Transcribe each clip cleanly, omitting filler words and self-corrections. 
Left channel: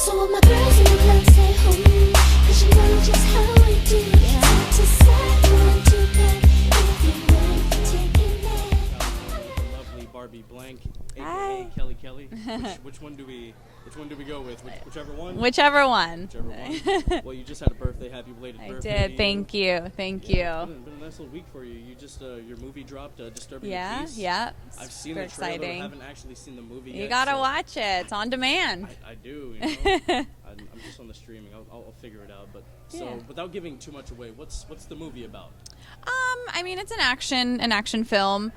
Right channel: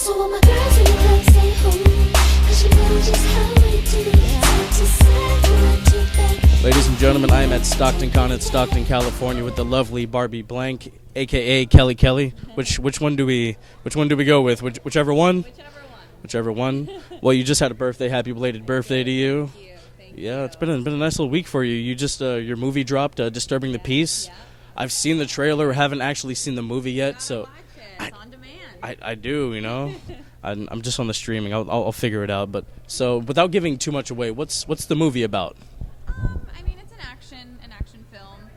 So all my girls in the club say ho, 'cause you know just how I do it. To say what you got. Ladies and gentlemen, I am at Stockton Con in Stockton, California, with the lovely Barbie Blank, aka Kelly Kelly. Which one do we go with? Whichever one. Whichever one. Whichever one. Well, you just had a birthday. Happy belated birthday to you. Thank you. Yeah, it's been a nice little week for you. You just your movie dropped, Disturbing the Peace. Yeah. I've seen the trailer. Exciting. Haven't actually seen the movie yet. You gotta so watch it. It's on demand. I do, you know. I'm just on the streaming. I'll figure it out. But so without giving too much away, what's the movie about? I mean, it's an action film,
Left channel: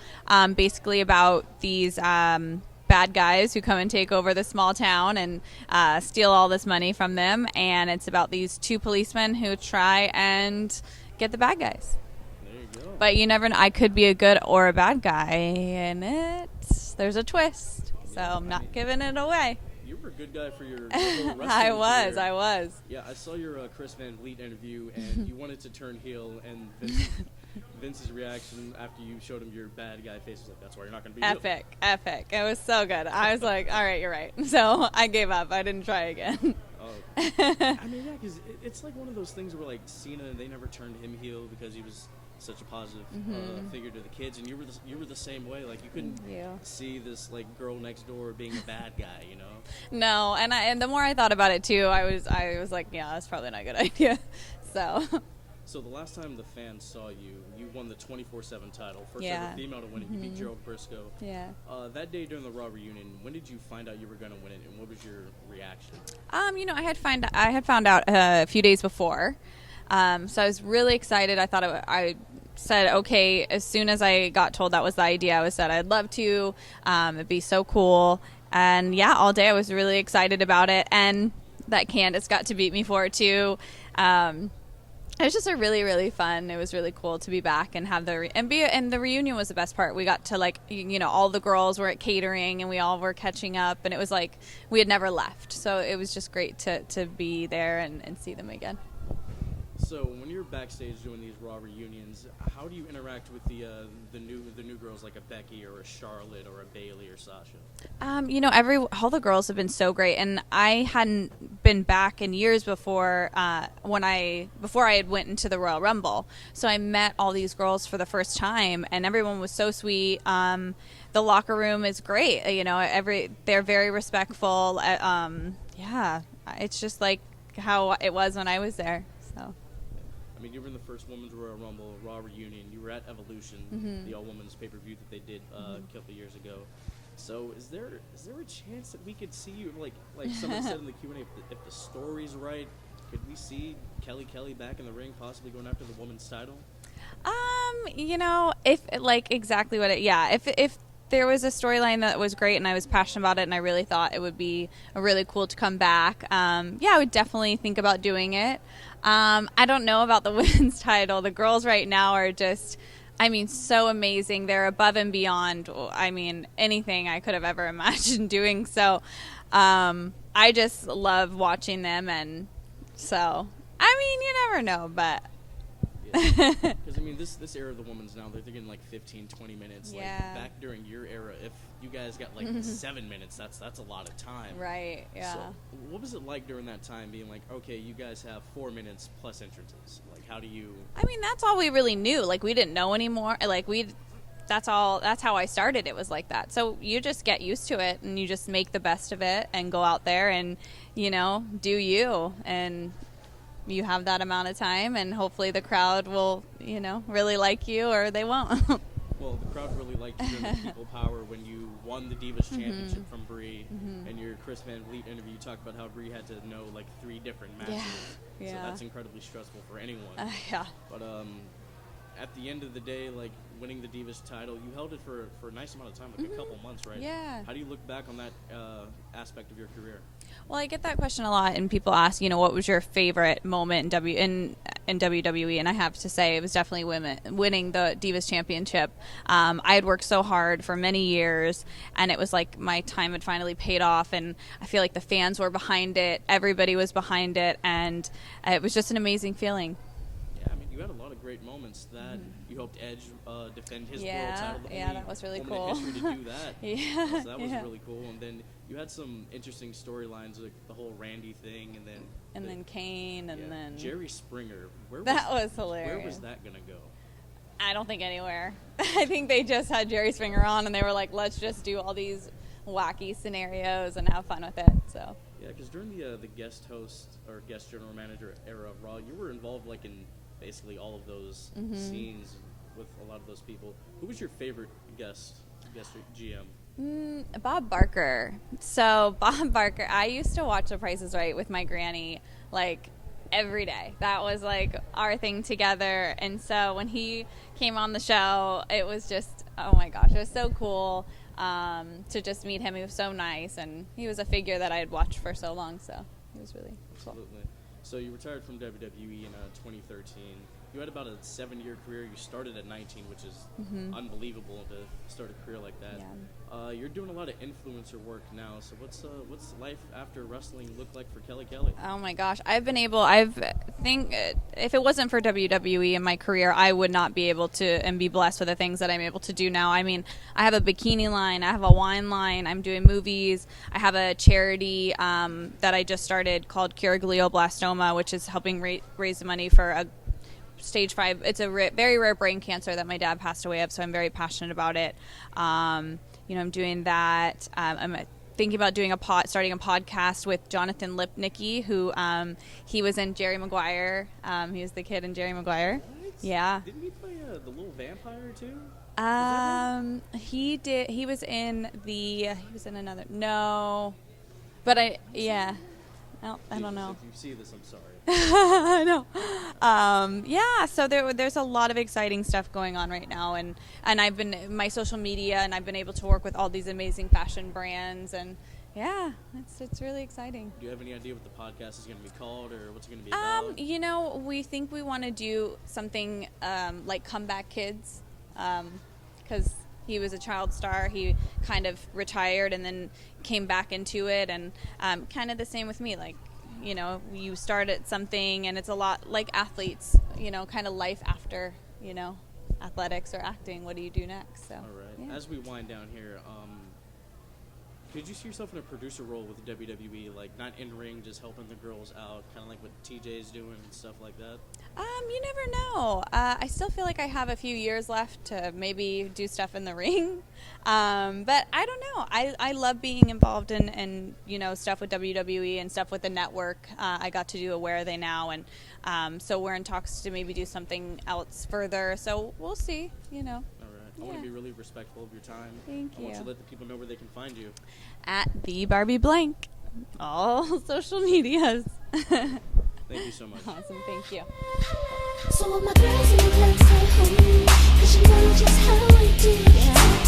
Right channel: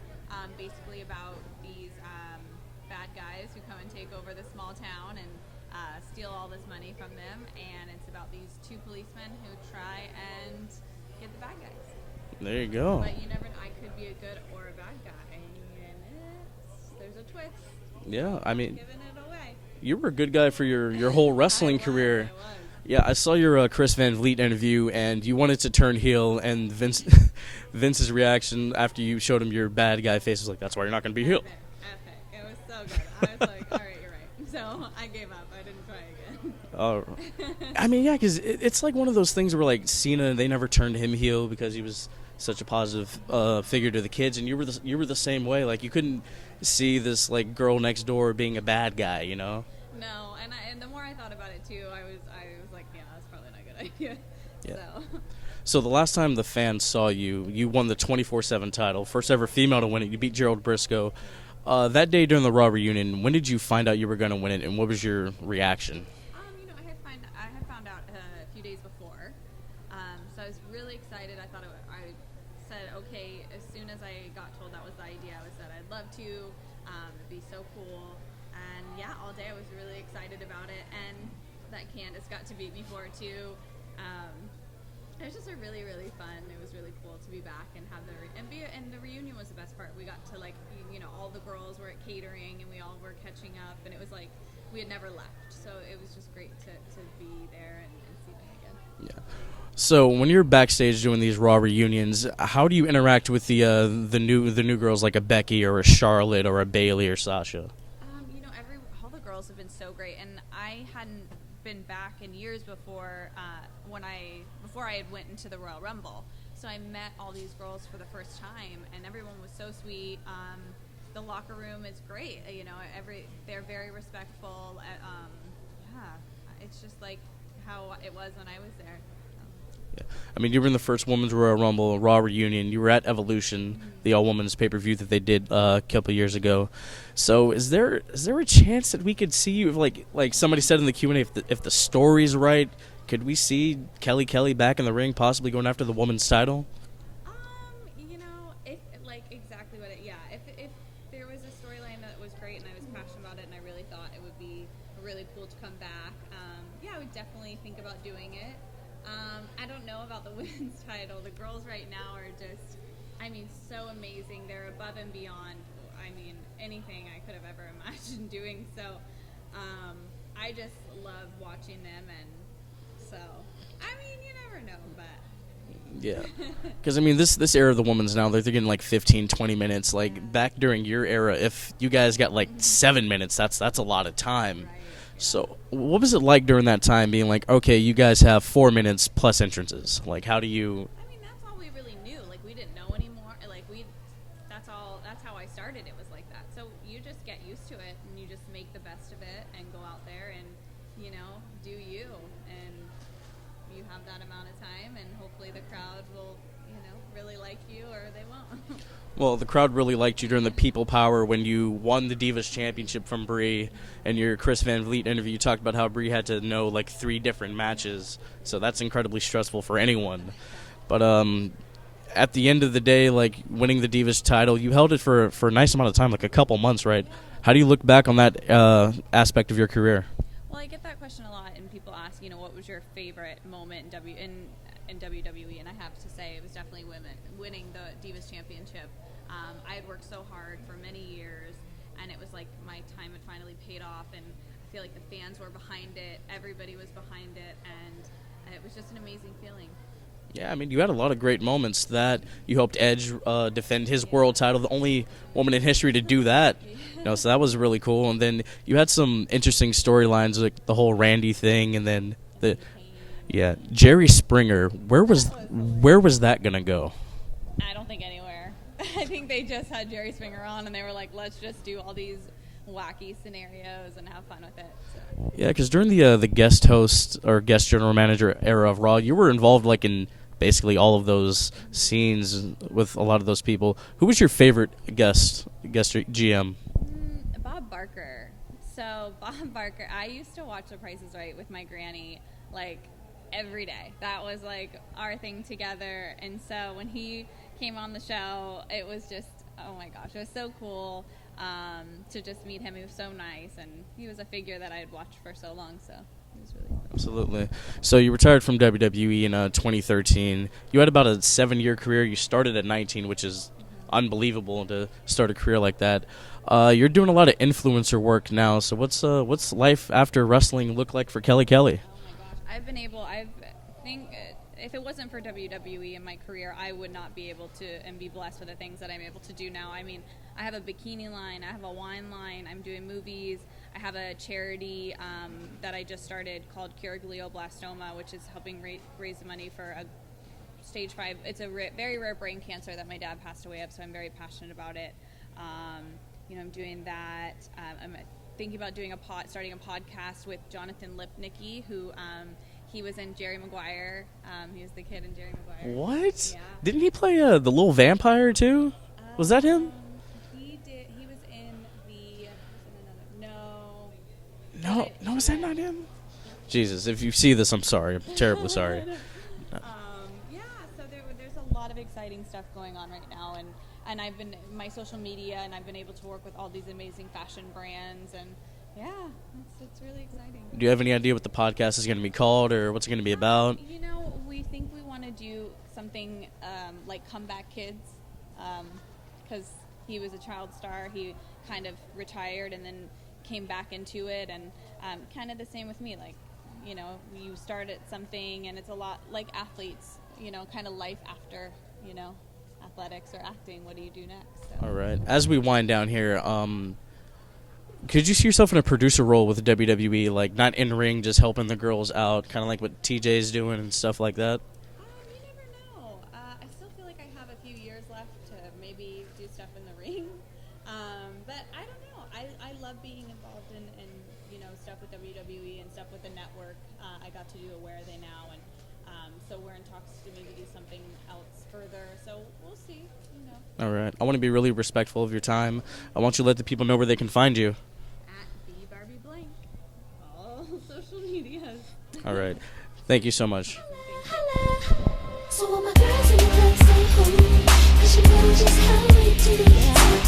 basically about these bad guys who come and take over the small town and steal all this money from them, and it's about these two policemen who try and get the bad guys. There you go. But you never know. I could be a good or a bad guy in it. There's a twist. Yeah, so I'm not giving it away. You were a good guy for your whole wrestling career. I was. Yeah, I saw your Chris Van Vliet interview, and you wanted to turn heel, and Vince's reaction after you showed him your bad guy face was like, "That's why you're not going to be heel." Epic. It was so good. I was like, all right, you're right. So I gave up. I didn't try again. I mean, yeah, because it's like one of those things where like Cena, they never turned him heel because he was such a positive figure to the kids, and you were the same way. Like you couldn't see this like girl next door being a bad guy, you know? No, and the more I thought about it too, I was like, yeah, that's probably not a good idea. Yeah. So. So the last time the fans saw you, you won the 24/7 title, first ever female to win it. You beat Gerald Briscoe. Yeah. That day during the Raw reunion, when did you find out you were going to win it, and what was your reaction? I had found out a few days before, so I was really excited. I thought I said, okay, as soon as I got told that was the idea, I said I'd love to. It'd be so cool. And yeah, all day I was really excited about it, and that Candace got to beat me for it too. It was just a really, really fun. It was really cool to be back and have and the reunion was the best part. We got to all the girls were at catering and we all were catching up, and it was like we had never left. So it was just great to be there and see them again. Yeah. So when you're backstage doing these Raw reunions, how do you interact with the new girls like a Becky or a Charlotte or a Bayley or Sasha? All the girls have been so great, and I hadn't been back in years before before I had went into the Royal Rumble. So I met all these girls for the first time, and everyone was so sweet. The locker room is great. They're very respectful. It's just like how it was when I was there. So. I mean, you were in the first Women's Royal Rumble, Raw reunion. You were at Evolution, the all-women's pay-per-view that they did a couple of years ago. So, is there a chance that we could see you, like somebody said in the Q&A, if the story's right, could we see Kelly back in the ring, possibly going after the women's title? If exactly what if there was a storyline that was great and I was passionate about it and I really thought it would be really cool to come back, I would definitely think about doing it. I don't know about the women's title. The girls right now are just, so amazing. They're above and beyond, anything I could have ever imagined doing. So, I just love watching them. And so, you never know, but. Yeah. Because, this era of the women's now, they're getting 15, 20 minutes. Back during your era, if you guys got 7 minutes, that's a lot of time. Right. Yeah. So what was it like during that time being okay, you guys have 4 minutes plus entrances? How do you... that's all we really knew. We didn't know anymore. That's how I started. It was like that. So you just get used to it and you just make the best of it and go out there and, do you. And you have that amount of time and hopefully the crowd will, really like you or they won't. Well, the crowd really liked you during the People Power when you won the Divas Championship from Brie. And your Chris Van Vliet interview, you talked about how Brie had to know 3 different matches. Yeah. So that's incredibly stressful for anyone. Yeah. But at the end of the day, winning the Divas title, you held it for a nice amount of time, a couple months, right? Yeah. How do you look back on that aspect of your career? Well, I get that question a lot, and people ask, what was your favorite moment in WWE? And I have to say, it was definitely winning the Divas Championship. I had worked so hard for many years, and it was like my time had finally paid off, and I feel like the fans were behind it, everybody was behind it, and it was just an amazing feeling. Yeah, I mean, you had a lot of great moments. That you helped Edge defend his world title, the only that was really woman in cool. history to do that. Yeah. So that was really cool. And then you had some interesting storylines, like the whole Randy thing, and then And then Kane. And yeah, then Jerry Springer. Where That was was hilarious. where was that gonna go? I don't think anywhere. I think they just had Jerry Springer on, and they were like, let's just do all these wacky scenarios and have fun with it. So Yeah, because during the guest host or guest general manager era of Raw, you were involved like in basically all of those scenes with a lot of those people. Who was your favorite guest GM? Bob Barker. So Bob Barker, I used to watch The Price is Right with my granny like every day. That was like our thing together. And so when he came on the show, it was just, oh my gosh, it was so cool to just meet him. He was so nice, and he was a figure that I had watched for so long. So it was really Absolutely. So you retired from WWE in 2013. You had about a 7-year career. You started at 19, which is unbelievable to start a career like that. You're doing a lot of influencer work now. So what's life after wrestling look like for Kelly Kelly? Oh my gosh, think if it wasn't for WWE in my career, I would not be able to and be blessed with the things that I'm able to do now. I mean, I have a bikini line, I have a wine line, I'm doing movies, I have a charity that I just started called Cure Glioblastoma, which is helping raise money for a stage 5. It's a very rare brain cancer that my dad passed away of, so I'm very passionate about it. I'm doing that. I'm thinking about starting a podcast with Jonathan Lipnicki, who he was in Jerry Maguire. He was the kid in Jerry Maguire. What? Yeah. Didn't he play the little vampire too? Was that him? He did. He was in another. No. No, But I. no, was yeah. that not him? No, I don't Jesus, know. if you see this, I'm sorry. I'm terribly sorry. I know. Yeah, so there's a lot of exciting stuff going on right now, and I've been my social media, and I've been able to work with all these amazing fashion brands, and yeah, it's really exciting. Do you have any idea what the podcast is going to be called or what's it going to be about? We think we want to do something like Comeback Kids, because he was a child star. He kind of retired and then came back into it, and kind of the same with me. Like, you start at something, and it's a lot like athletes, kind of life after, athletics or acting. What do you do next? So. All right. As we wind down here, could you see yourself in a producer role with WWE, like not in ring, just helping the girls out, kind of like what TJ's doing and stuff like that? You never know. I still feel like I have a few years left to maybe do stuff in the ring. But I don't know. I love being involved in stuff with WWE and stuff with the network. I got to do a Where Are They Now, and so we're in talks to maybe do something else further. So we'll see. All right. I want to be really respectful of your time. I want you to let the people know where they can find you. At the Barbie Blank, all social medias. All right. Thank you so much. Awesome. Thank you. So all my girls in the club stay home, 'cause you know just how I do.